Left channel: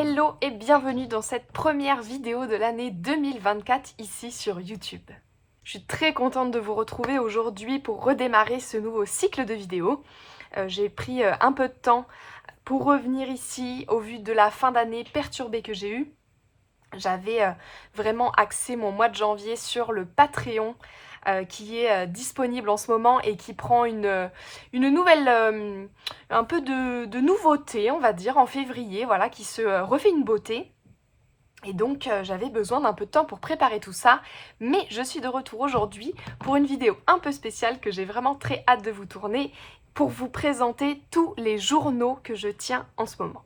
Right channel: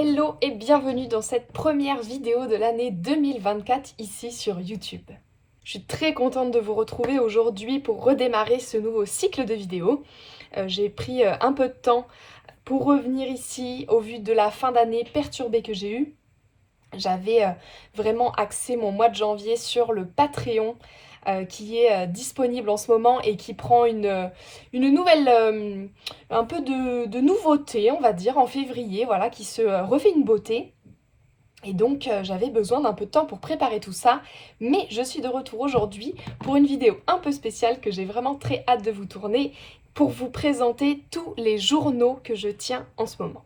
Hello et bienvenue dans cette première vidéo de l'année 2024 ici sur YouTube. Je suis très contente de vous retrouver aujourd'hui pour redémarrer ce nouveau cycle de vidéos. J'ai pris un peu de temps pour revenir ici au vu de la fin d'année perturbée que j'ai eue. J'avais vraiment axé mon mois de janvier sur le Patreon qui est disponible en ce moment et qui prend une nouvelle, un peu de nouveauté, on va dire, en février, voilà, qui se refait une beauté. Et donc j'avais besoin d'un peu de temps pour préparer tout ça, mais je suis de retour aujourd'hui pour une vidéo un peu spéciale que j'ai vraiment très hâte de vous tourner pour vous présenter tous les journaux que je tiens en ce moment.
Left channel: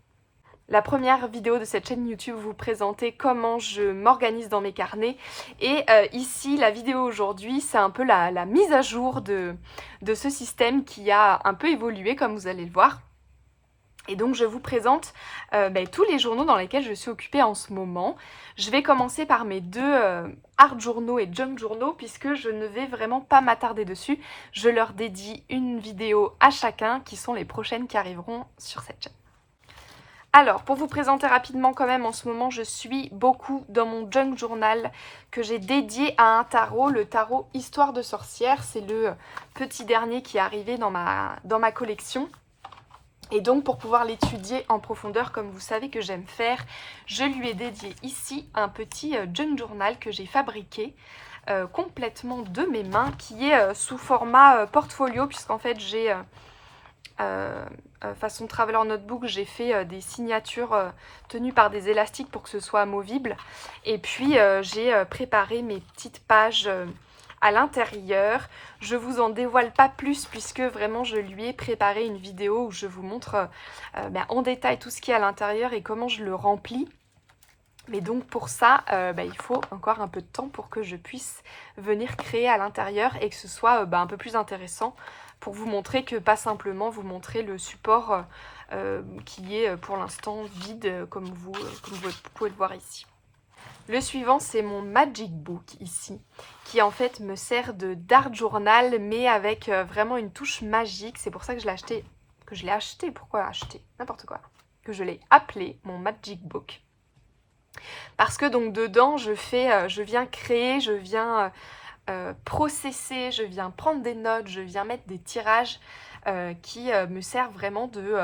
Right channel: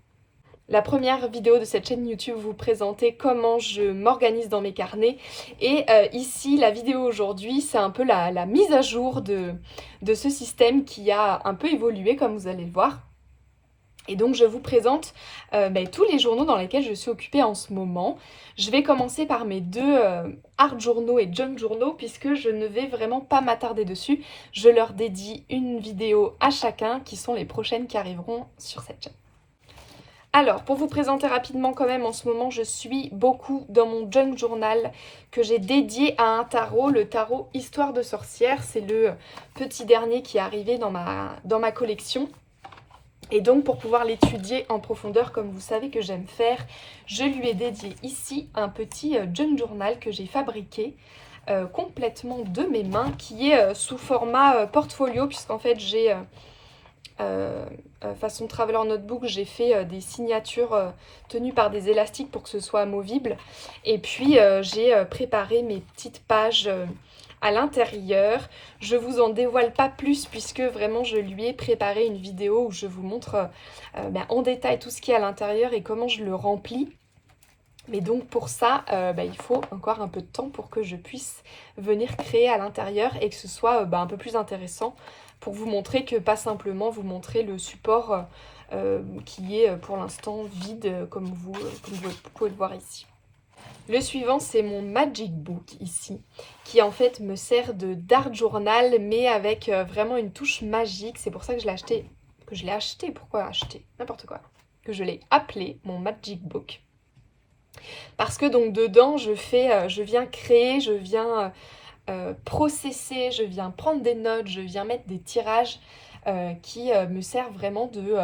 La première vidéo de cette chaîne YouTube vous présenter comment je m'organise dans mes carnets et ici la vidéo aujourd'hui c'est un peu la mise à jour de ce système qui a un peu évolué comme vous allez le voir. Et donc je vous présente tous les journaux dans lesquels je suis occupée en ce moment. Je vais commencer par mes deux art journaux et junk journaux puisque je ne vais vraiment pas m'attarder dessus. Je leur dédie une vidéo à chacun qui sont les prochaines qui arriveront sur cette chaîne. Alors, pour vous présenter rapidement quand même, en ce moment, je suis beaucoup dans mon junk journal que j'ai dédié à un tarot, le tarot Histoire de sorcière. C'est le petit dernier qui est arrivé dans ma collection. Et donc, pour pouvoir l'étudier en profondeur, comme vous savez que j'aime faire, je lui ai dédié ici un petit junk journal que j'ai fabriqué complètement de mes mains, qui est sous format portfolio, puisqu'en fait, j'ai... façon Traveler Notebook, j'ai fait des signatures tenues par des élastiques pour que ce soit amovible. Et puis j'ai préparé mes petites pages à l'intérieur. Je vous en dévoile pas plus puisque vraiment je lui ai préparé une vidéo où je vous montre en détail tout ce qui est à l'intérieur et comment je le remplis. Mais donc pour ça, il faut encore un peu de temps pour que je puisse venir créer à l'intérieur et que ce soit un peu plus intéressant pour vous montrer que pas simplement vous montrer le support qui est pour l'instant vide comme vous pouvez le voir ici. Le suivant, c'est mon Magic Book ici, qui en fait me sert d'art journal mais avec vraiment une touche magique. C'est pour ça que je l'ai acheté. Pourquoi acheter? N'importe quoi. Que je l'ai appelé mon Magic Book. Parce que donc dedans, je viens créer, je viens processer, je viens prendre des notes, je viens mettre des tirages qui me servent vraiment de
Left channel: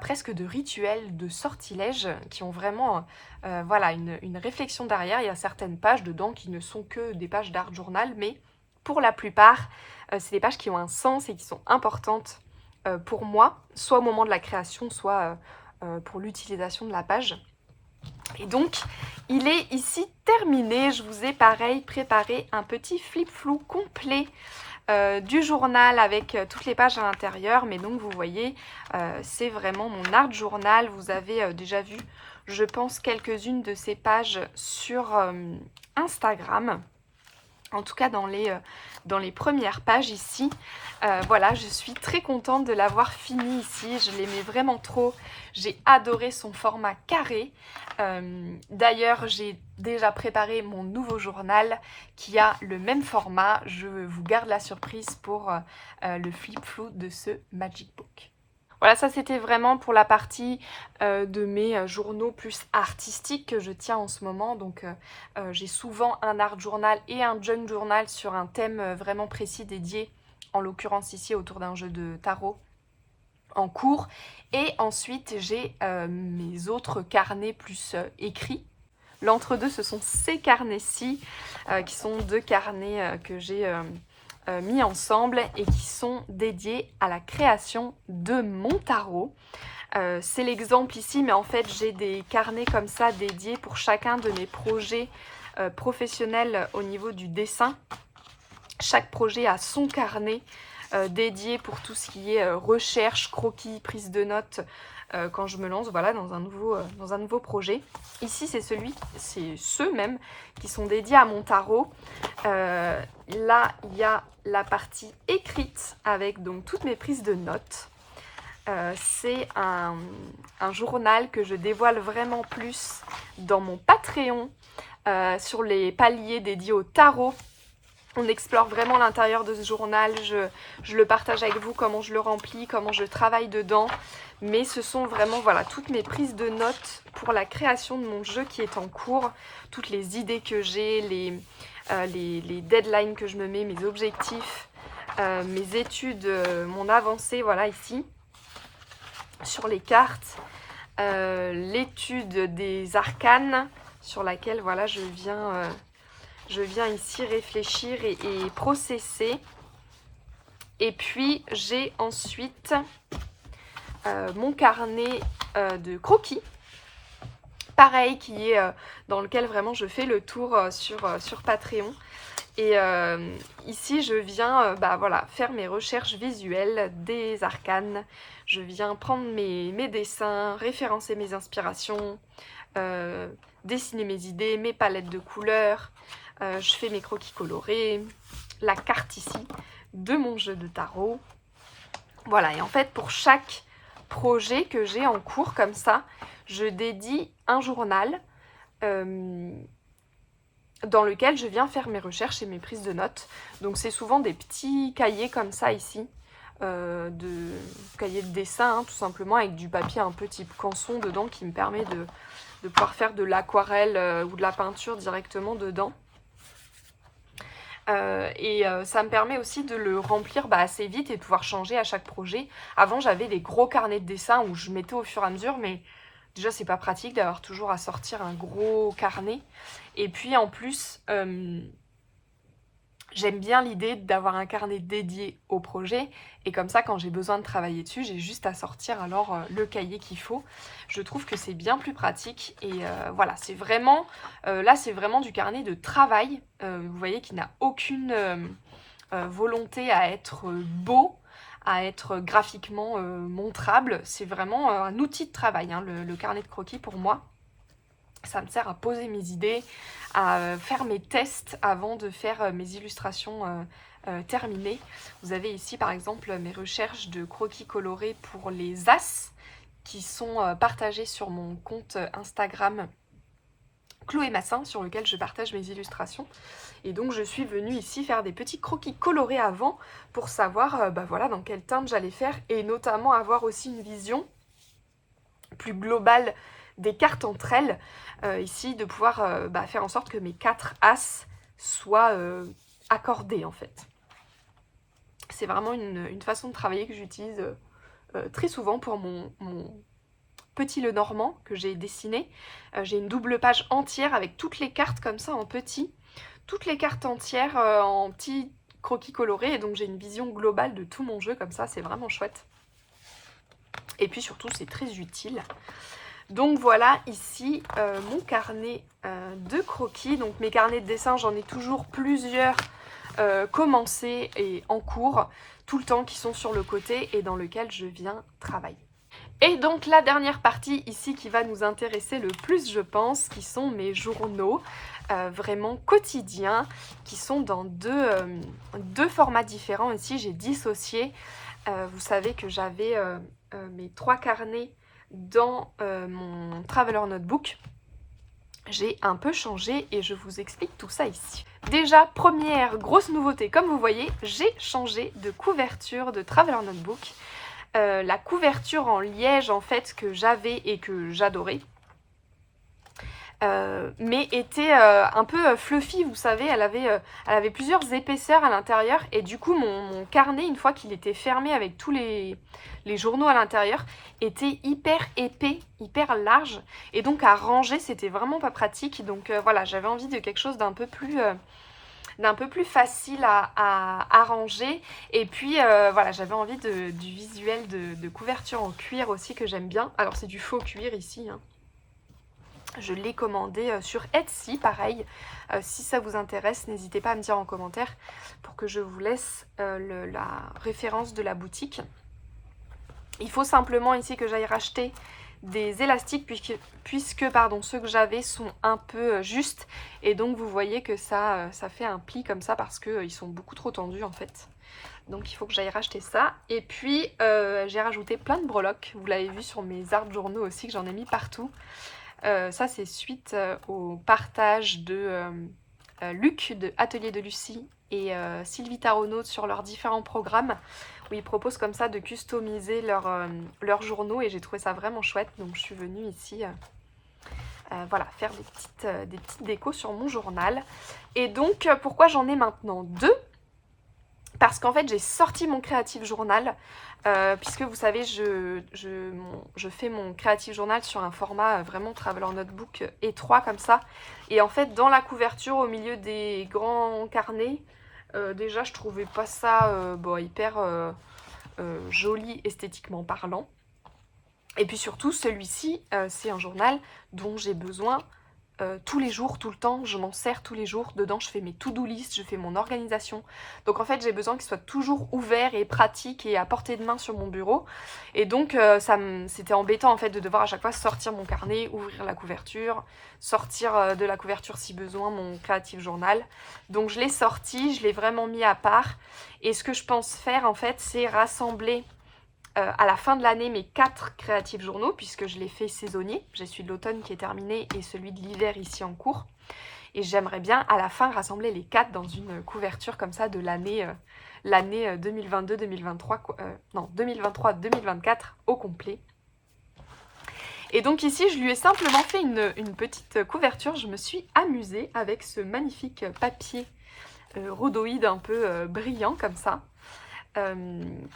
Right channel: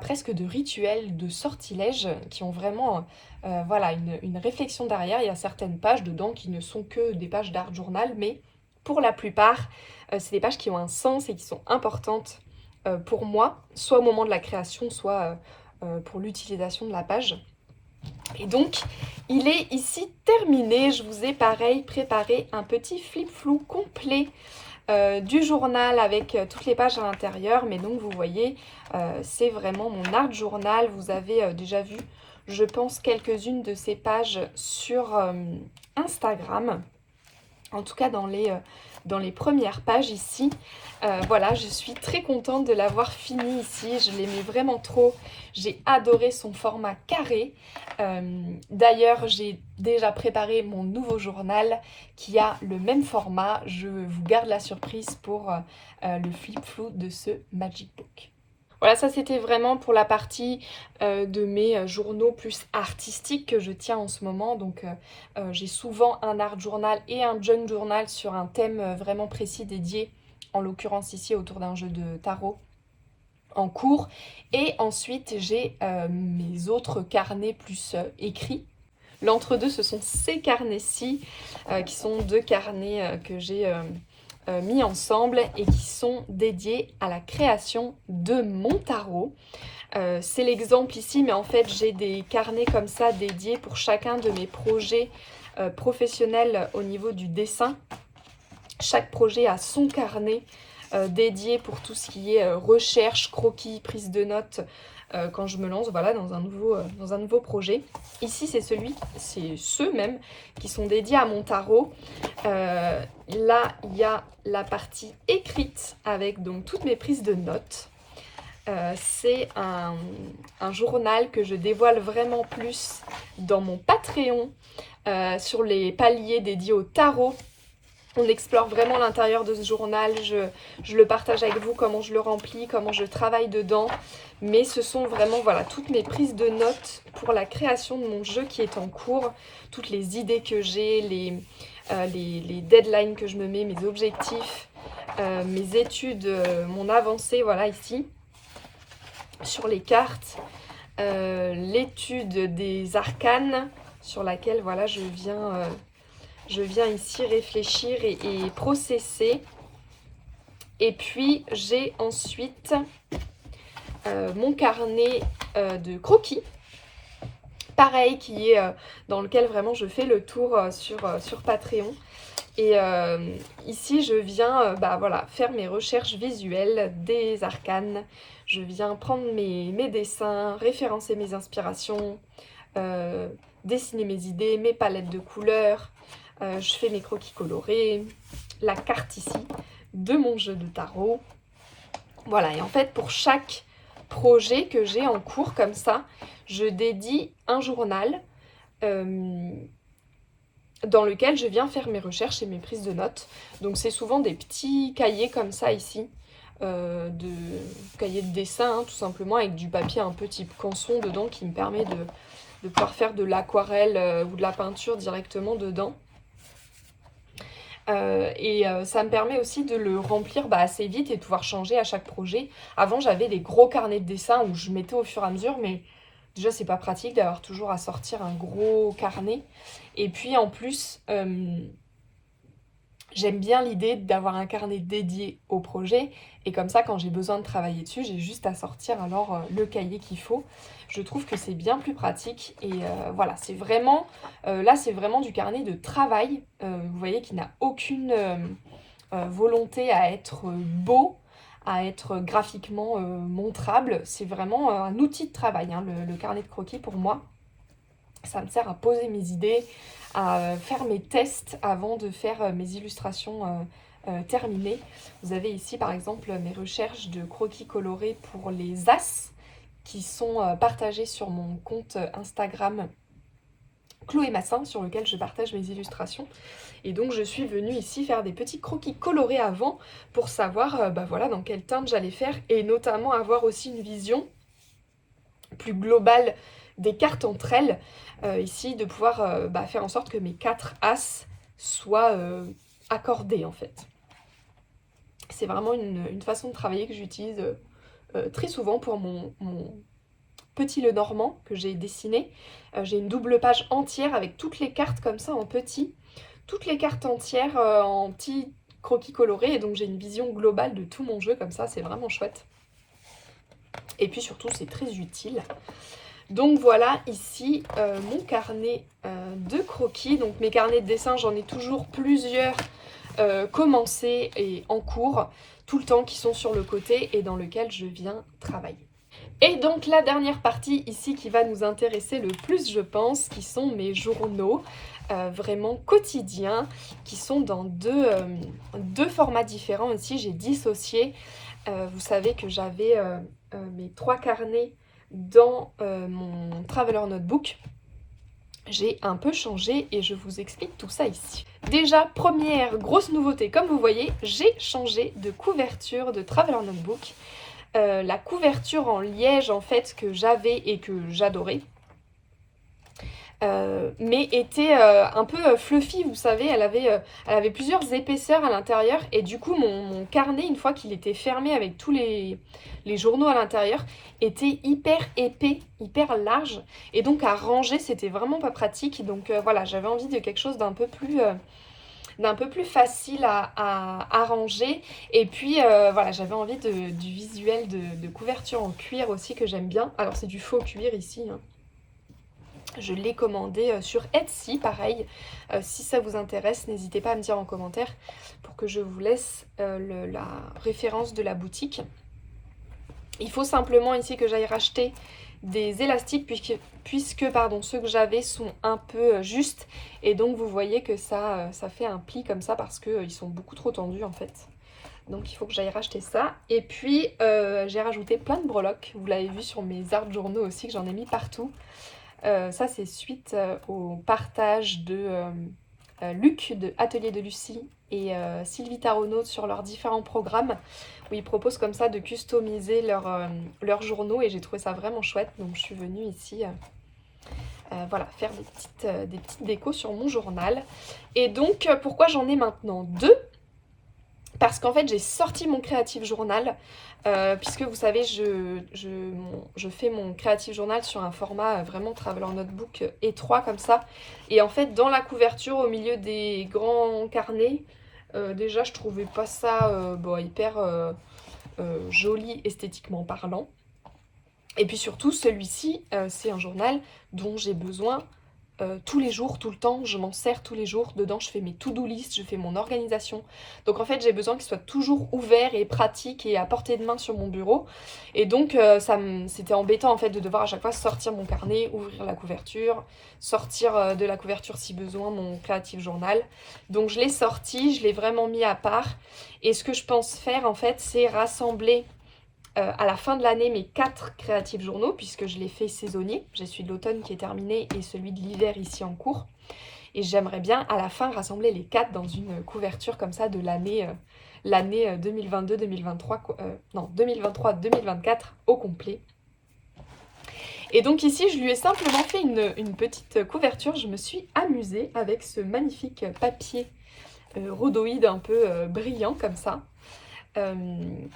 presque de rituels, de sortilèges, qui ont vraiment une réflexion derrière. Il y a certaines pages dedans qui ne sont que des pages d'art journal, mais pour la plupart, c'est des pages qui ont un sens et qui sont importantes pour moi, soit au moment de la création, soit pour l'utilisation de la page. Et donc, il est ici terminé. Je vous ai pareil préparé un petit flip-flou complet du journal avec toutes les pages à l'intérieur. Mais donc, vous voyez, c'est vraiment mon art journal. Vous avez déjà vu, je pense, quelques-unes de ces pages sur Instagram. En tout cas, dans les premières pages ici. Voilà, je suis très contente de l'avoir fini ici. Je l'aimais vraiment trop. J'ai adoré son format carré. D'ailleurs, j'ai déjà préparé mon nouveau journal qui a le même format. Je vous garde la surprise pour le flip-flou de ce Magic Book. Voilà, ça c'était vraiment pour la partie de mes journaux plus artistiques que je tiens en ce moment. Donc j'ai souvent un art journal et un junk journal sur un thème vraiment précis dédié, en l'occurrence ici autour d'un jeu de tarot en cours. Et ensuite j'ai mes autres carnets plus écrits. L'entre-deux, ce sont ces carnets-ci qui sont deux carnets que j'ai mis ensemble et qui sont dédiés à la création de mon tarot. C'est l'exemple ici, mais en fait j'ai des carnets comme ça dédiés pour chacun de mes projets professionnels au niveau du dessin. Chaque projet a son carnet dédié pour tout ce qui est recherche, croquis, prise de notes quand je me lance dans un nouveau projet. Ici c'est ceux même qui sont dédiés à mon tarot. Là il y a la partie écrite avec donc toutes mes prises de notes. C'est un journal que je dévoile vraiment plus dans mon Patreon sur les paliers dédiés au tarot. On explore vraiment l'intérieur de ce journal, je le partage avec vous, comment je le remplis, comment je travaille dedans. Mais ce sont vraiment voilà, toutes mes prises de notes pour la création de mon jeu qui est en cours. Toutes les idées que j'ai, les deadlines que je me mets, mes objectifs, mes études, mon avancée, voilà ici, sur les cartes. L'étude des arcanes sur laquelle voilà, je viens ici réfléchir et processer. Et puis j'ai ensuite mon carnet de croquis, pareil, qui est dans lequel vraiment je fais le tour sur Patreon. Et ici je viens voilà, faire mes recherches visuelles des arcanes. Je viens prendre mes dessins, référencer mes inspirations, dessiner mes idées, mes palettes de couleurs. Je fais mes croquis colorés, la carte ici de mon jeu de tarot. Voilà, et en fait pour chaque projet que j'ai en cours comme ça, je dédie un journal dans lequel je viens faire mes recherches et mes prises de notes. Donc c'est souvent des petits cahiers comme ça ici, de cahiers de dessin, hein, tout simplement, avec du papier un peu type canson dedans qui me permet de pouvoir faire de l'aquarelle ou de la peinture directement dedans. Ça me permet aussi de le remplir assez vite et de pouvoir changer à chaque projet. Avant, j'avais des gros carnets de dessin où je mettais au fur et à mesure, mais déjà, c'est pas pratique d'avoir toujours à sortir un gros carnet. Et puis, en plus, j'aime bien l'idée d'avoir un carnet dédié au projet. Et comme ça, quand j'ai besoin de travailler dessus, j'ai juste à sortir alors le cahier qu'il faut. Je trouve que c'est bien plus pratique. Et voilà, c'est vraiment... là, c'est vraiment du carnet de travail. Vous voyez qu'il n'a aucune volonté à être beau, à être graphiquement montrable. C'est vraiment un outil de travail, hein, le carnet de croquis pour moi. Ça me sert à poser mes idées, à faire mes tests avant de faire mes illustrations terminées. Vous avez ici par exemple mes recherches de croquis colorés pour les as qui sont partagés sur mon compte Instagram Chloé Massin, sur lequel je partage mes illustrations. Et donc je suis venue ici faire des petits croquis colorés avant pour savoir voilà, dans quelle teinte j'allais faire et notamment avoir aussi une vision plus globale des cartes entre elles. Ici, de pouvoir faire en sorte que mes 4 as soient accordés en fait. C'est vraiment une façon de travailler que j'utilise très souvent pour mon petit Lenormand que j'ai dessiné. J'ai une double page entière avec toutes les cartes comme ça en petit. Toutes les cartes entières en petits croquis colorés. Et donc j'ai une vision globale de tout mon jeu comme ça. C'est vraiment chouette. Et puis surtout, c'est très utile. Donc voilà ici mon carnet de croquis. Donc mes carnets de dessin, j'en ai toujours plusieurs commencés et en cours tout le temps qui sont sur le côté et dans lequel je viens travailler. Et donc la dernière partie ici qui va nous intéresser le plus je pense, qui sont mes journaux vraiment quotidiens, qui sont dans deux formats différents. Ici j'ai dissocié, vous savez que j'avais mes 3 carnets dans mon Traveler Notebook. J'ai un peu changé et je vous explique tout ça ici. Déjà, première grosse nouveauté, comme vous voyez, j'ai changé de couverture de Traveler Notebook. La couverture en liège en fait que j'avais et que j'adorais, mais était un peu fluffy, vous savez, elle avait plusieurs épaisseurs à l'intérieur et du coup mon carnet, une fois qu'il était fermé avec tous les journaux à l'intérieur, était hyper épais, hyper large et donc à ranger c'était vraiment pas pratique. Donc voilà, j'avais envie de quelque chose d'un peu plus facile à ranger. Et puis voilà, j'avais envie du visuel de couverture en cuir aussi que j'aime bien. Alors c'est du faux cuir ici, hein. Je l'ai commandé sur Etsy, pareil. Si ça vous intéresse, n'hésitez pas à me dire en commentaire pour que je vous laisse la référence de la boutique. Il faut simplement ici que j'aille racheter des élastiques puisque pardon, ceux que j'avais sont un peu justes et donc vous voyez que ça fait un pli comme ça parce qu'ils sont beaucoup trop tendus en fait. Donc il faut que j'aille racheter ça. Et puis j'ai rajouté plein de breloques, vous l'avez vu sur mes arbres journaux aussi que j'en ai mis partout. Ça c'est suite au partage de Luc de Atelier de Lucie et Sylvie Taronaud sur leurs différents programmes où ils proposent comme ça de customiser leurs journaux et j'ai trouvé ça vraiment chouette. Donc je suis venue ici voilà, faire des petites décos sur mon journal. Et donc pourquoi j'en ai maintenant deux? Parce qu'en fait j'ai sorti mon Creative Journal puisque vous savez je fais mon Creative Journal sur un format vraiment Traveler Notebook étroit comme ça. Et en fait dans la couverture au milieu des grands carnets, déjà je trouvais pas ça hyper joli esthétiquement parlant. Et puis surtout celui-ci c'est un journal dont j'ai besoin tous les jours, tout le temps, je m'en sers tous les jours. Dedans, je fais mes to-do list, je fais mon organisation. Donc en fait, j'ai besoin qu'il soit toujours ouvert et pratique et à portée de main sur mon bureau. Et donc, c'était embêtant en fait de devoir à chaque fois sortir mon carnet, ouvrir la couverture, sortir de la couverture si besoin mon Creative Journal. Donc je l'ai sorti, je l'ai vraiment mis à part. Et ce que je pense faire en fait, c'est rassembler à la fin de l'année mes 4 créatifs journaux puisque je les fais saisonniers. J'ai celui de l'automne qui est terminé et celui de l'hiver ici en cours. Et j'aimerais bien à la fin rassembler les 4 dans une couverture comme ça de l'année 2022-2023, non 2023-2024 au complet. Et donc ici je lui ai simplement fait une petite couverture. Je me suis amusée avec ce magnifique papier rhodoïde un peu brillant comme ça.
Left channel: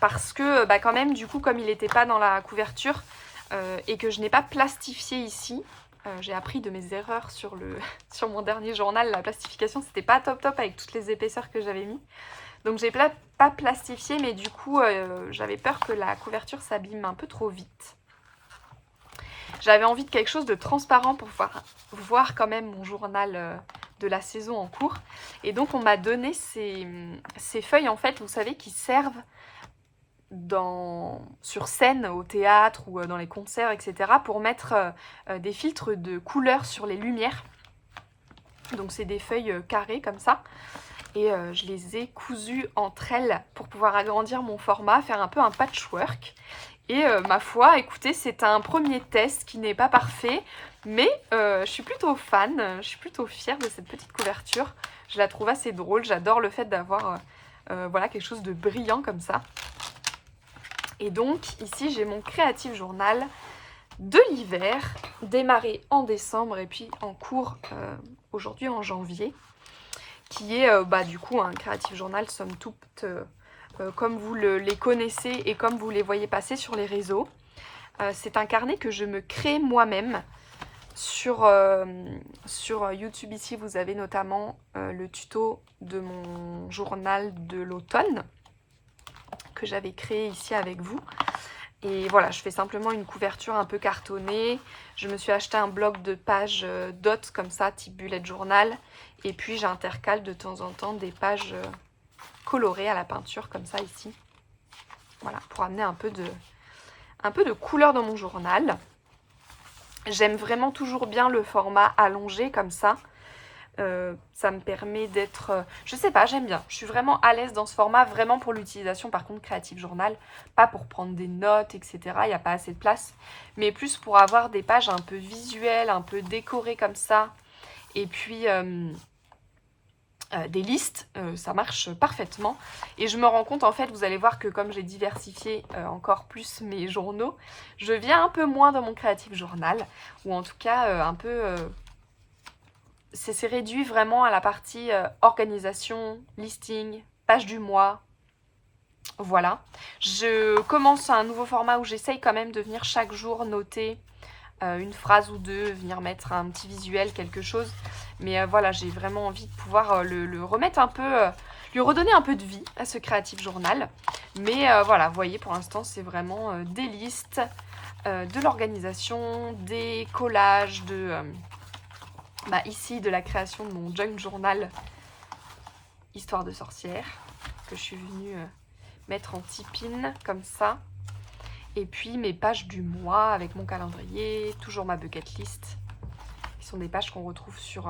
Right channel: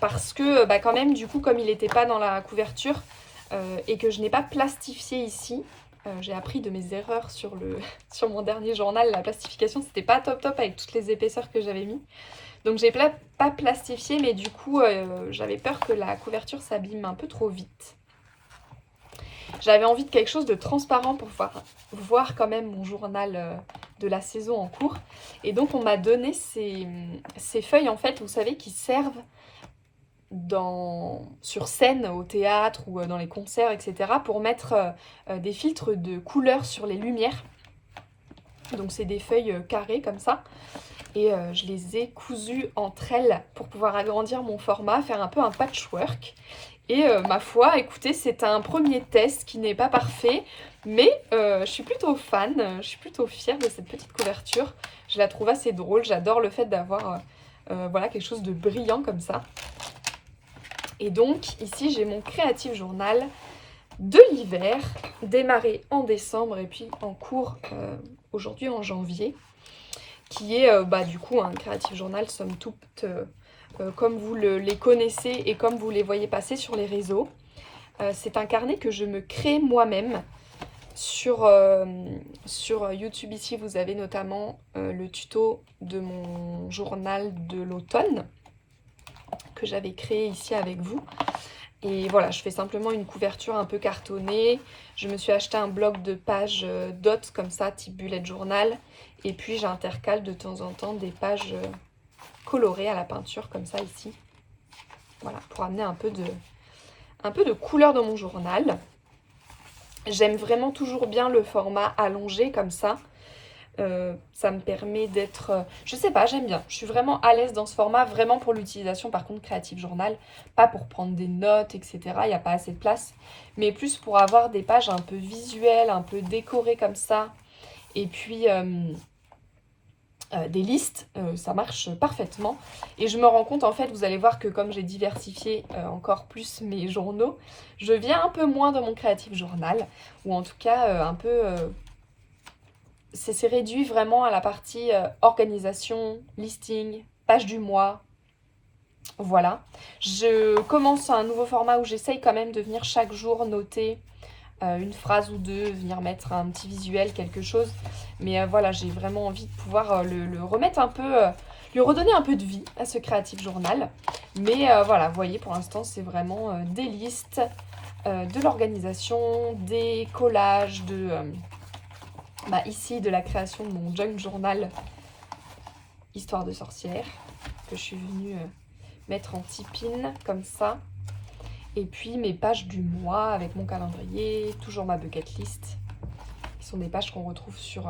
Parce que quand même du coup comme il n'était pas dans la couverture et que je n'ai pas plastifié ici, j'ai appris de mes erreurs sur mon dernier journal, la plastification c'était pas top avec toutes les épaisseurs que j'avais mis. Donc j'ai pas plastifié mais du coup j'avais peur que la couverture s'abîme un peu trop vite. J'avais envie de quelque chose de transparent pour pouvoir voir quand même mon journal de la saison en cours. Et donc on m'a donné ces feuilles en fait, vous savez, qui servent sur scène, au théâtre ou dans les concerts, etc. pour mettre des filtres de couleurs sur les lumières. Donc c'est des feuilles carrées comme ça. Et je les ai cousues entre elles pour pouvoir agrandir mon format, faire un peu un patchwork. Et ma foi, écoutez, c'est un premier test qui n'est pas parfait, mais je suis plutôt fan, je suis plutôt fière de cette petite couverture. Je la trouve assez drôle, j'adore le fait d'avoir voilà, quelque chose de brillant comme ça. Et donc ici j'ai mon Creative Journal de l'hiver, démarré en décembre et puis en cours aujourd'hui en janvier, qui est du coup un Creative Journal somme toute comme vous les connaissez et comme vous les voyez passer sur les réseaux. C'est un carnet que je me crée moi-même. Sur YouTube ici, vous avez notamment le tuto de mon journal de l'automne que j'avais créé ici avec vous. Et voilà, je fais simplement une couverture un peu cartonnée. Je me suis acheté un bloc de pages dots comme ça, type bullet journal. Et puis j'intercale de temps en temps des pages colorées à la peinture comme ça ici. Voilà, pour amener un peu de couleur dans mon journal. J'aime vraiment toujours bien le format allongé comme ça. Ça me permet d'être... je sais pas, j'aime bien. Je suis vraiment à l'aise dans ce format, vraiment pour l'utilisation par contre Creative Journal. Pas pour prendre des notes, etc. Il n'y a pas assez de place. Mais plus pour avoir des pages un peu visuelles, un peu décorées comme ça. Et puis... des listes, ça marche parfaitement. Et je me rends compte, en fait, vous allez voir que comme j'ai diversifié encore plus mes journaux, je viens un peu moins dans mon Creative Journal, ou en tout cas un peu... c'est réduit vraiment à la partie organisation, listing, page du mois. Voilà. Je commence un nouveau format où j'essaye quand même de venir chaque jour noter une phrase ou deux, venir mettre un petit visuel, quelque chose. Mais voilà, j'ai vraiment envie de pouvoir le remettre un peu, lui redonner un peu de vie à ce Creative Journal. Mais voilà, vous voyez, pour l'instant, c'est vraiment des listes, de l'organisation, des collages, ici, de la création de mon junk journal Histoire de sorcière, que je suis venue mettre en tipine, comme ça. Et puis mes pages du mois avec mon calendrier, toujours ma bucket list, qui sont des pages qu'on retrouve sur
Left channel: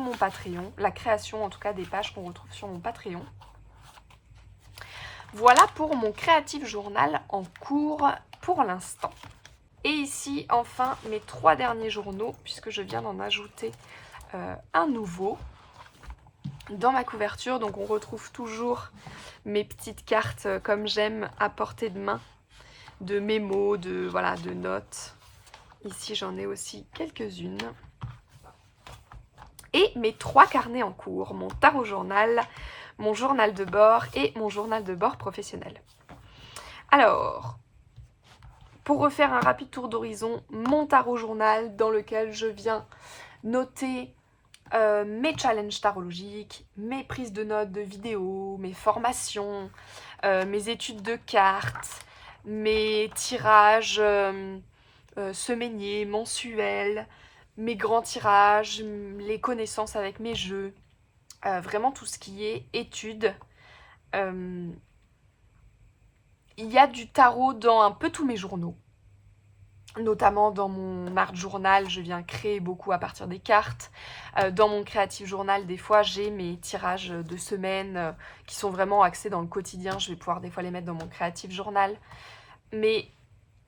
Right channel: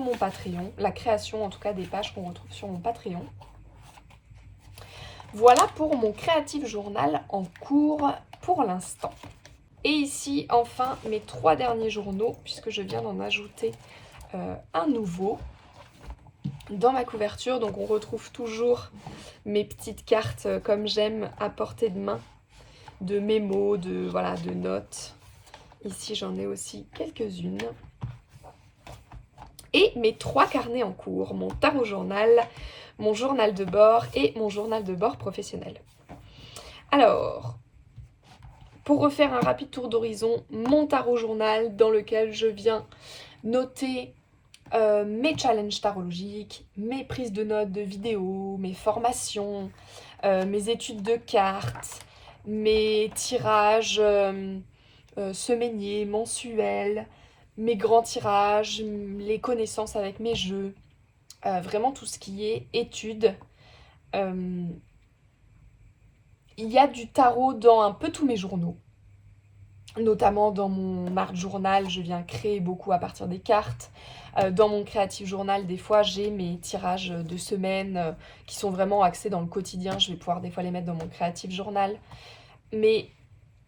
mon Patreon. La création en tout cas des pages qu'on retrouve sur mon Patreon. Voilà pour mon Creative Journal en cours pour l'instant. Et ici enfin mes 3 derniers journaux, puisque je viens d'en ajouter un nouveau. Dans ma couverture, donc on retrouve toujours mes petites cartes comme j'aime à portée de main, de mémos, voilà, de notes. Ici j'en ai aussi quelques-unes. Et mes 3 carnets en cours, mon tarot journal, mon journal de bord et mon journal de bord professionnel. Alors, pour refaire un rapide tour d'horizon, mon tarot journal dans lequel je viens noter mes challenges tarologiques, mes prises de notes de vidéos, mes formations, mes études de cartes, mes tirages semainiers, mensuels, mes grands tirages, les connaissances avec mes jeux, vraiment tout ce qui est études. Il y a du tarot dans un peu tous mes journaux. Notamment dans mon art journal, je viens créer beaucoup à partir des cartes. Dans mon creative journal, des fois, j'ai mes tirages de semaine qui sont vraiment axés dans le quotidien. Je vais pouvoir des fois les mettre dans mon creative journal. Mais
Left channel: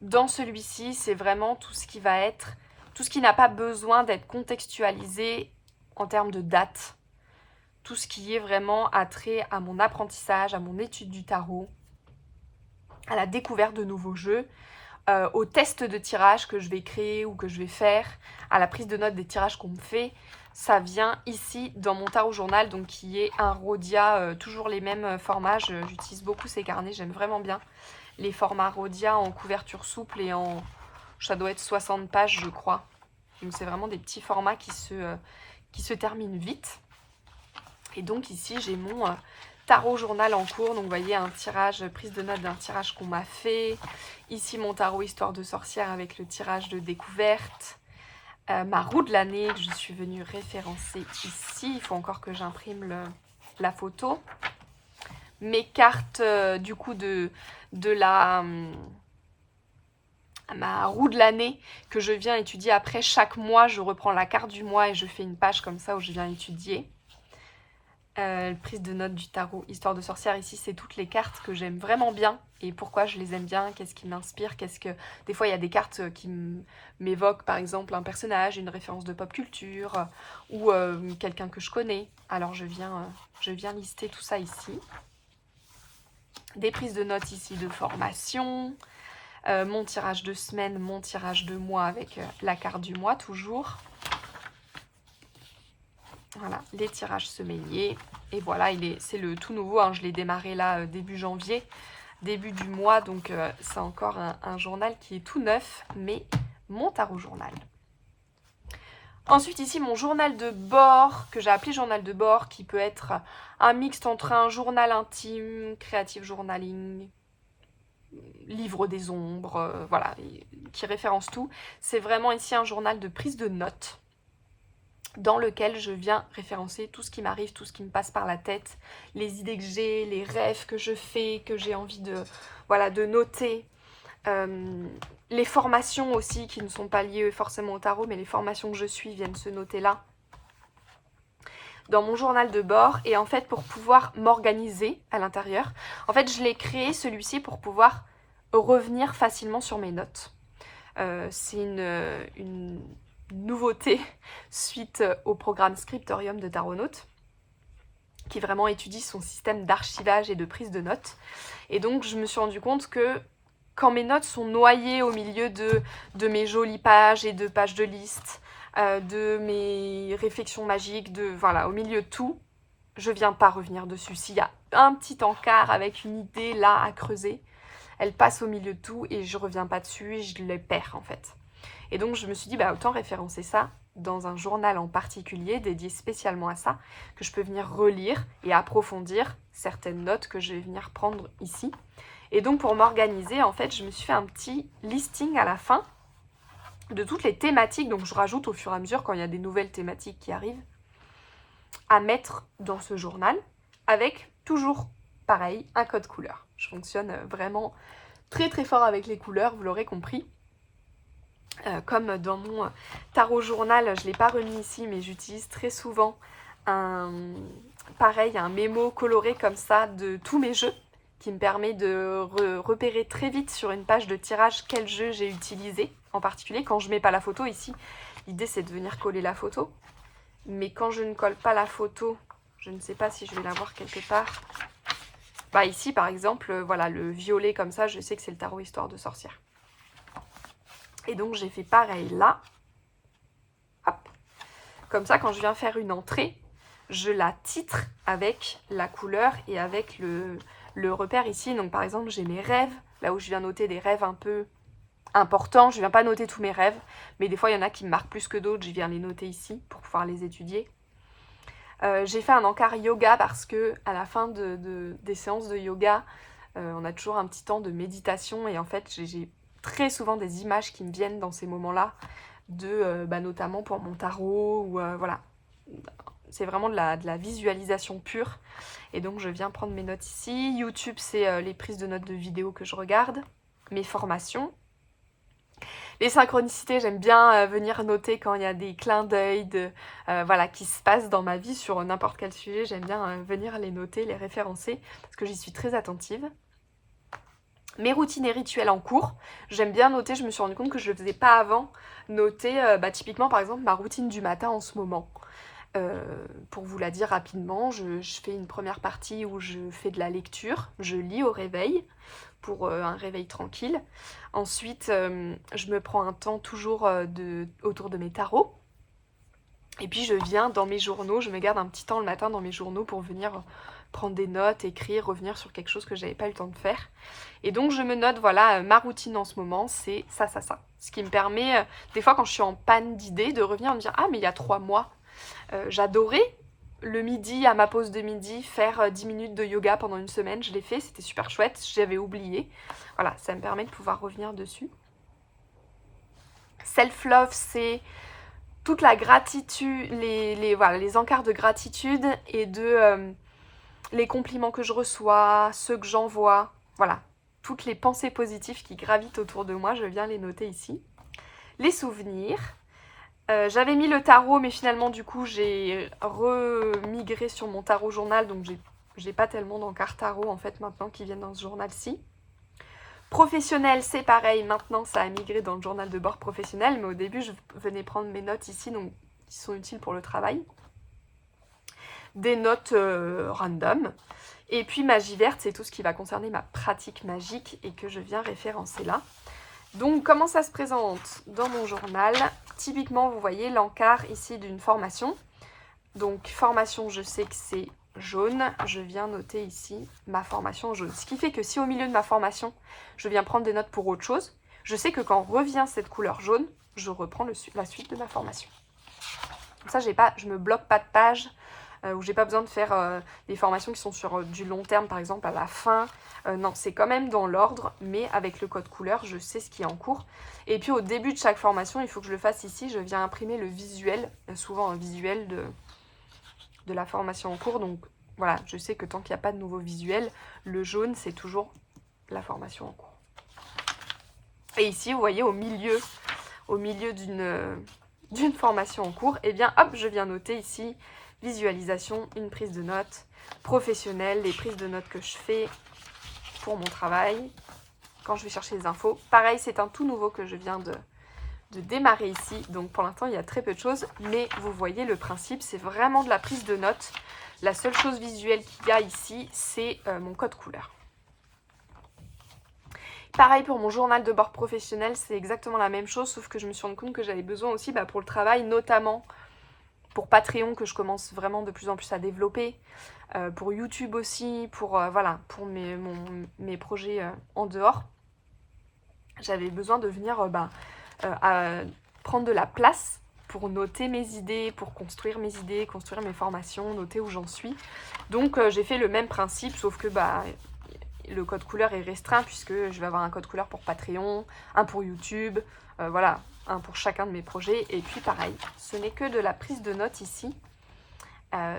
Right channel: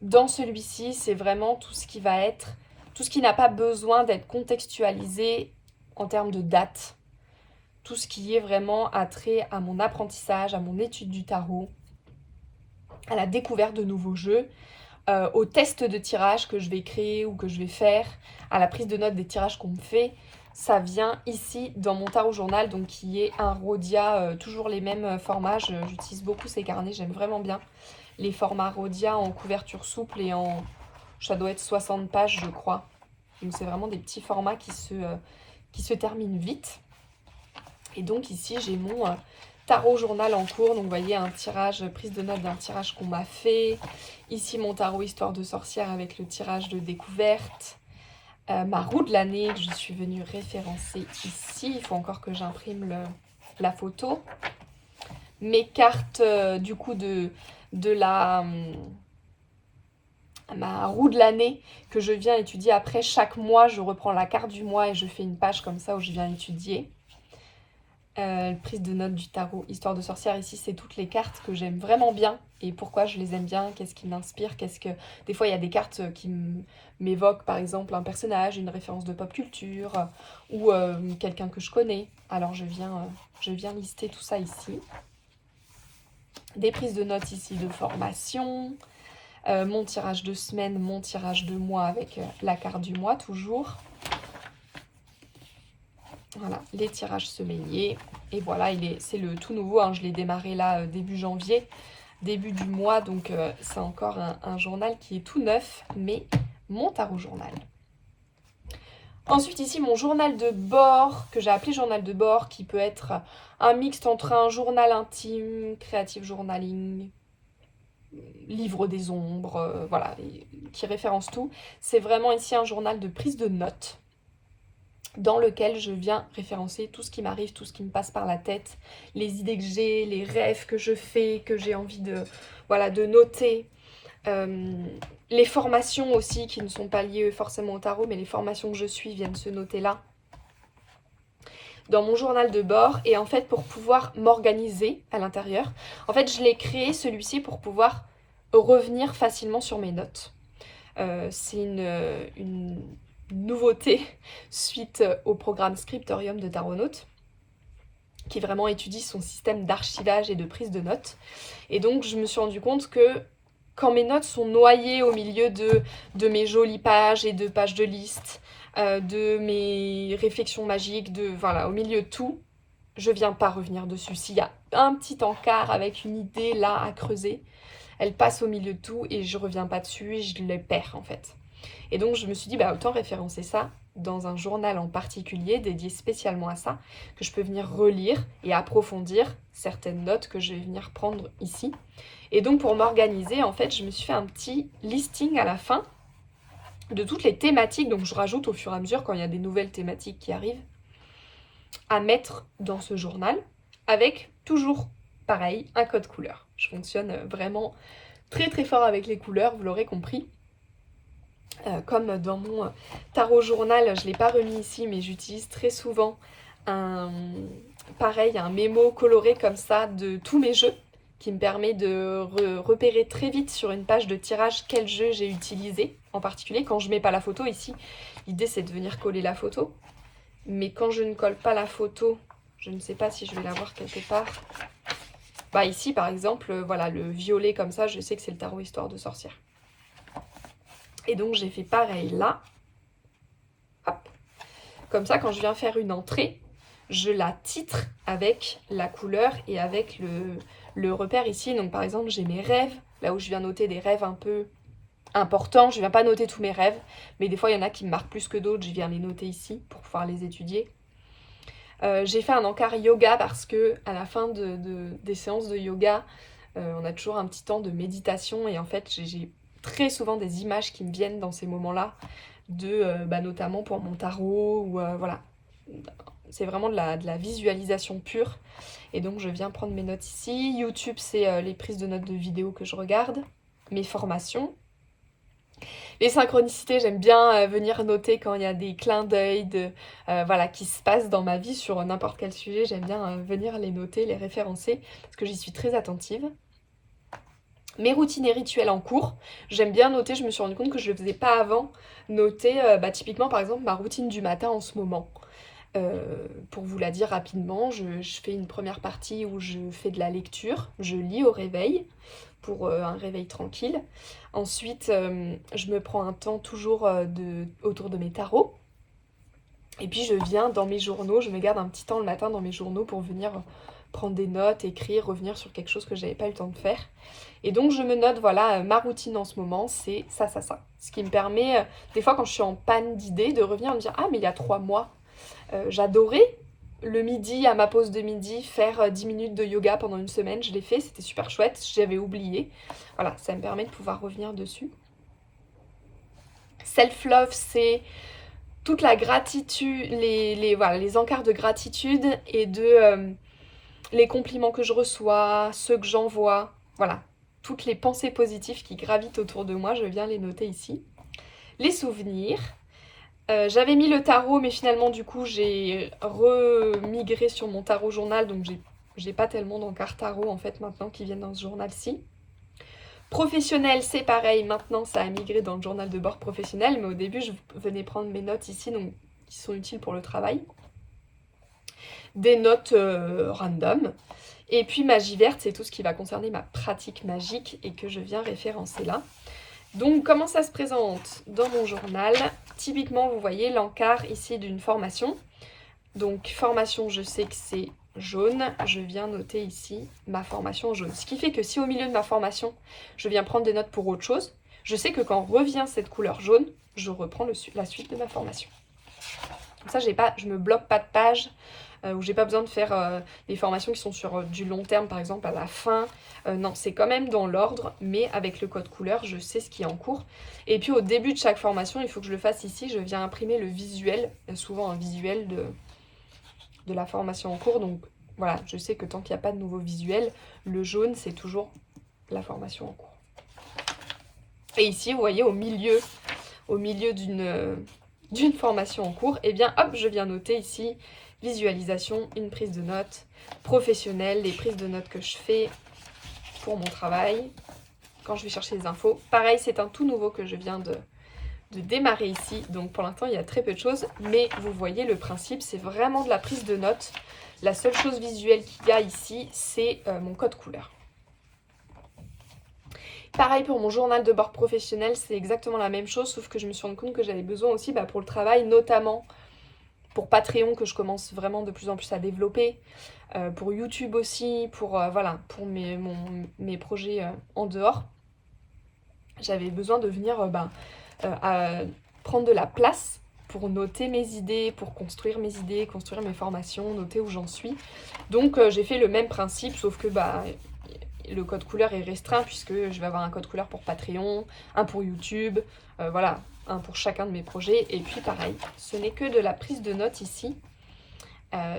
dans celui-ci, c'est vraiment tout ce qui va être, tout ce qui n'a pas besoin d'être contextualisé en termes de date. Tout ce qui est vraiment attrait à mon apprentissage, à mon étude du tarot, à la découverte de nouveaux jeux, au test de tirage que je vais créer ou que je vais faire, à la prise de notes des tirages qu'on me fait. Ça vient ici dans mon tarot journal, donc qui est un Rhodia, toujours les mêmes formats. J'utilise beaucoup ces carnets, j'aime vraiment bien les formats Rhodia en couverture souple et en... ça doit être 60 pages, je crois. Donc c'est vraiment des petits formats qui se terminent vite. Et donc ici, j'ai mon tarot journal en cours. Donc vous voyez, un tirage, prise de notes d'un tirage qu'on m'a fait. Ici, mon tarot histoire de sorcière avec le tirage de découverte. Ma roue de l'année que je suis venue référencer ici. Il faut encore que j'imprime la photo. Mes cartes du coup de ma roue de l'année que je viens étudier après. Chaque mois, je reprends la carte du mois et je fais une page comme ça où je viens étudier. Prise de notes du tarot histoire de sorcière, ici c'est toutes les cartes que j'aime vraiment bien et pourquoi je les aime bien, qu'est-ce qui m'inspire, des fois il y a des cartes qui m'évoquent par exemple un personnage, une référence de pop culture ou quelqu'un que je connais, alors je viens lister tout ça ici. Des prises de notes ici de formation, mon tirage de semaine, mon tirage de mois avec la carte du mois toujours. Voilà, les tirages semainiers. Et voilà, c'est le tout nouveau. Hein, je l'ai démarré là début janvier, début du mois. Donc, c'est encore un journal qui est tout neuf, mais mon tarot journal. Ensuite, ici, mon journal de bord, que j'ai appelé journal de bord, qui peut être un mixte entre un journal intime, creative journaling, livre des ombres, voilà, qui référence tout. C'est vraiment ici un journal de prise de notes, dans lequel je viens référencer tout ce qui m'arrive, tout ce qui me passe par la tête, les idées que j'ai, les rêves que je fais, que j'ai envie de noter, les formations aussi qui ne sont pas liées forcément au tarot, mais les formations que je suis viennent se noter là, dans mon journal de bord. Et en fait, pour pouvoir m'organiser à l'intérieur, en fait, je l'ai créé celui-ci pour pouvoir revenir facilement sur mes notes. C'est une nouveauté suite au programme Scriptorium de Taronaut, qui vraiment étudie son système d'archivage et de prise de notes. Et donc, je me suis rendu compte que quand mes notes sont noyées au milieu de mes jolies pages et de pages de liste, de mes réflexions magiques, voilà, au milieu de tout, je viens pas revenir dessus. S'il y a un petit encart avec une idée là à creuser, elle passe au milieu de tout et je reviens pas dessus et je les perds en fait. Et donc je me suis dit, bah, autant référencer ça dans un journal en particulier, dédié spécialement à ça, que je peux venir relire et approfondir certaines notes que je vais venir prendre ici. Et donc pour m'organiser, en fait, je me suis fait un petit listing à la fin de toutes les thématiques, donc je rajoute au fur et à mesure quand il y a des nouvelles thématiques qui arrivent, à mettre dans ce journal, avec toujours, pareil, un code couleur. Je fonctionne vraiment très très fort avec les couleurs, vous l'aurez compris. Comme dans mon tarot journal, je ne l'ai pas remis ici, mais j'utilise très souvent un mémo coloré comme ça de tous mes jeux, qui me permet de repérer très vite sur une page de tirage quel jeu j'ai utilisé, en particulier quand je ne mets pas la photo. Ici, l'idée c'est de venir coller la photo, mais quand je ne colle pas la photo, Je ne sais pas si je vais l'avoir quelque part. Bah ici par exemple, voilà, le violet comme ça, je sais que c'est le tarot Histoire de sorcière. Et donc j'ai fait pareil là. Hop. Comme ça, quand je viens faire une entrée, je la titre avec la couleur et avec le repère ici. Donc par exemple, j'ai mes rêves, là où je viens noter des rêves un peu importants. Je ne viens pas noter tous mes rêves, mais des fois il y en a qui me marquent plus que d'autres. Je viens les noter ici pour pouvoir les étudier. J'ai fait un encart yoga parce que à la fin des séances de yoga, on a toujours un petit temps de méditation et en fait j'ai très souvent des images qui me viennent dans ces moments-là, notamment pour mon tarot ou voilà. C'est vraiment de la visualisation pure et donc je viens prendre mes notes ici. YouTube, c'est les prises de notes de vidéos que je regarde, mes formations. Les synchronicités, j'aime bien venir noter quand il y a des clins d'œil voilà, qui se passent dans ma vie sur n'importe quel sujet. J'aime bien venir les noter, les référencer, parce que j'y suis très attentive. Mes routines et rituels en cours, j'aime bien noter, je me suis rendu compte que je ne le faisais pas avant, noter typiquement par exemple ma routine du matin en ce moment. Pour vous la dire rapidement, je fais une première partie où je fais de la lecture, je lis au réveil, pour un réveil tranquille. Ensuite, je me prends un temps toujours autour de mes tarots. Et puis je viens dans mes journaux, je me garde un petit temps le matin dans mes journaux pour venir prendre des notes, écrire, revenir sur quelque chose que j'avais pas eu le temps de faire. Et donc je me note, voilà, ma routine en ce moment, c'est ça, ça, ça. Ce qui me permet, des fois quand je suis en panne d'idées, de revenir me dire « Ah, mais il y a 3 mois, j'adorais le midi, à ma pause de midi, faire 10 minutes de yoga pendant une semaine. Je l'ai fait, c'était super chouette, j'avais oublié. » Voilà, ça me permet de pouvoir revenir dessus. Self-love, c'est toute la gratitude, les encarts de gratitude et les compliments que je reçois, ceux que j'envoie. Voilà, toutes les pensées positives qui gravitent autour de moi, je viens les noter ici. Les souvenirs. J'avais mis le tarot, mais finalement, du coup, j'ai remigré sur mon tarot journal, donc j'ai pas tellement d'encarts tarot, en fait, maintenant, qui viennent dans ce journal-ci. Professionnel, c'est pareil, maintenant, ça a migré dans le journal de bord professionnel, mais au début, je venais prendre mes notes ici, donc qui sont utiles pour le travail. Des notes random. Et puis, magie verte, c'est tout ce qui va concerner ma pratique magique et que je viens référencer là. Donc, comment ça se présente dans mon journal? Typiquement, vous voyez l'encart ici d'une formation. Donc, formation, je sais que c'est jaune. Je viens noter ici ma formation jaune. Ce qui fait que si au milieu de ma formation, je viens prendre des notes pour autre chose, je sais que quand revient cette couleur jaune, je reprends la suite de ma formation. Comme ça, je me bloque pas de page, où j'ai pas besoin de faire des formations qui sont sur du long terme, par exemple à la fin. Non, c'est quand même dans l'ordre, mais avec le code couleur, je sais ce qui est en cours. Et puis au début de chaque formation, il faut que je le fasse ici, je viens imprimer le visuel, souvent un visuel de la formation en cours. Donc voilà, je sais que tant qu'il n'y a pas de nouveau visuel, le jaune, c'est toujours la formation en cours. Et ici, vous voyez, au milieu d'une formation en cours, et bien hop, je viens noter ici visualisation, une prise de notes professionnelle, les prises de notes que je fais pour mon travail, quand je vais chercher les infos. Pareil, c'est un tout nouveau que je viens de démarrer ici, donc pour l'instant il y a très peu de choses, mais vous voyez le principe, c'est vraiment de la prise de notes. La seule chose visuelle qu'il y a ici, c'est mon code couleur. Pareil pour mon journal de bord professionnel, c'est exactement la même chose, sauf que je me suis rendu compte que j'avais besoin aussi pour le travail, notamment pour Patreon que je commence vraiment de plus en plus à développer, pour YouTube aussi, pour mes projets en dehors. J'avais besoin de venir prendre de la place pour noter mes idées, pour construire mes idées, construire mes formations, noter où j'en suis. Donc j'ai fait le même principe, sauf que le code couleur est restreint puisque je vais avoir un code couleur pour Patreon, un pour YouTube, voilà, un pour chacun de mes projets. Et puis pareil, ce n'est que de la prise de notes ici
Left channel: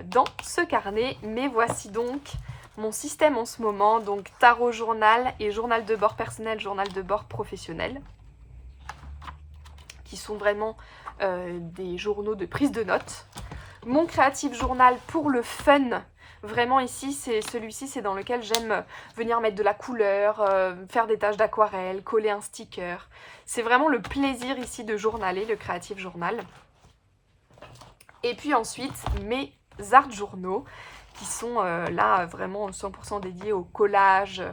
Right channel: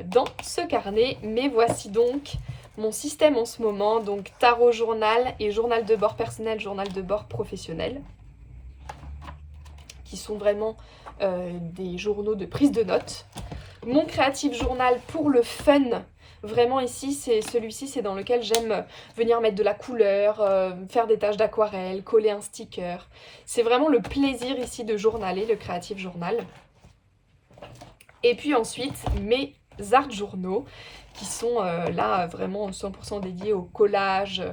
dans ce carnet. Mais voici donc mon système en ce moment, donc tarot journal et journal de bord personnel, journal de bord professionnel, qui sont vraiment des journaux de prise de notes. Mon créatif journal pour le fun. Vraiment ici, celui-ci, c'est dans lequel j'aime venir mettre de la couleur, faire des tâches d'aquarelle, coller un sticker. C'est vraiment le plaisir ici de journaler, le Creative Journal. Et puis ensuite, mes art journaux qui sont là vraiment 100% dédiés au collage,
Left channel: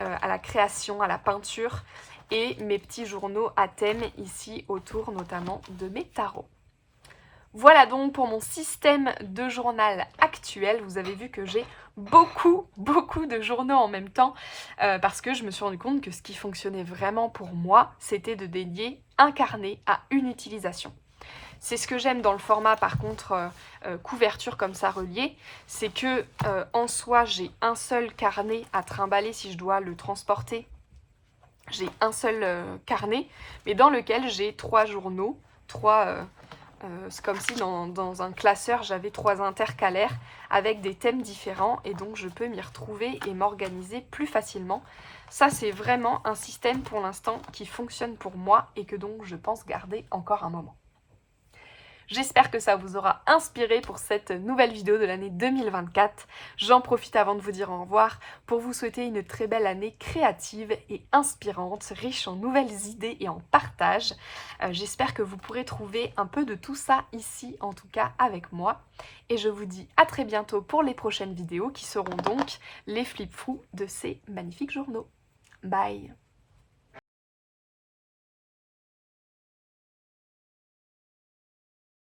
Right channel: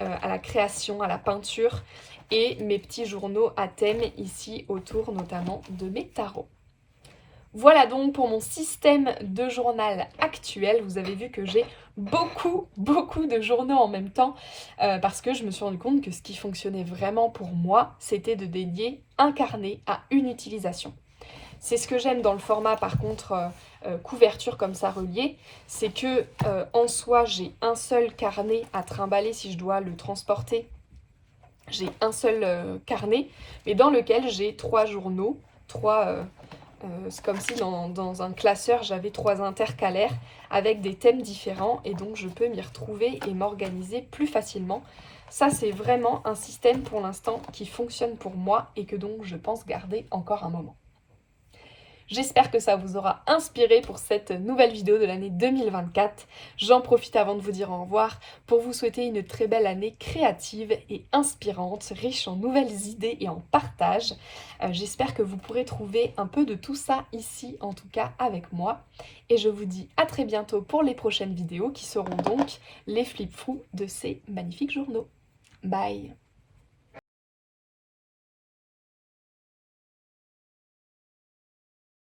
à la création, à la peinture et mes petits journaux à thème ici autour notamment de mes tarots. Voilà donc pour mon système de journal actuel. Vous avez vu que j'ai beaucoup de journaux en même temps parce que je me suis rendu compte que ce qui fonctionnait vraiment pour moi, c'était de dédier un carnet à une utilisation. C'est ce que j'aime dans le format par contre couverture comme ça relié, c'est que en soi j'ai un seul carnet à trimballer si je dois le transporter. J'ai un seul carnet, mais dans lequel j'ai 3 journaux, c'est comme si dans un classeur, j'avais 3 intercalaires avec des thèmes différents et donc je peux m'y retrouver et m'organiser plus facilement. Ça, c'est vraiment un système pour l'instant qui fonctionne pour moi et que donc je pense garder encore un moment. J'espère que ça vous aura inspiré pour cette nouvelle vidéo de l'année 2024. J'en profite avant de vous dire au revoir pour vous souhaiter une très belle année créative et inspirante, riche en nouvelles idées et en partage. J'espère que vous pourrez trouver un peu de tout ça ici, en tout cas avec moi. Et je vous dis à très bientôt pour les prochaines vidéos qui seront donc les flip-fous de ces magnifiques journaux. Bye!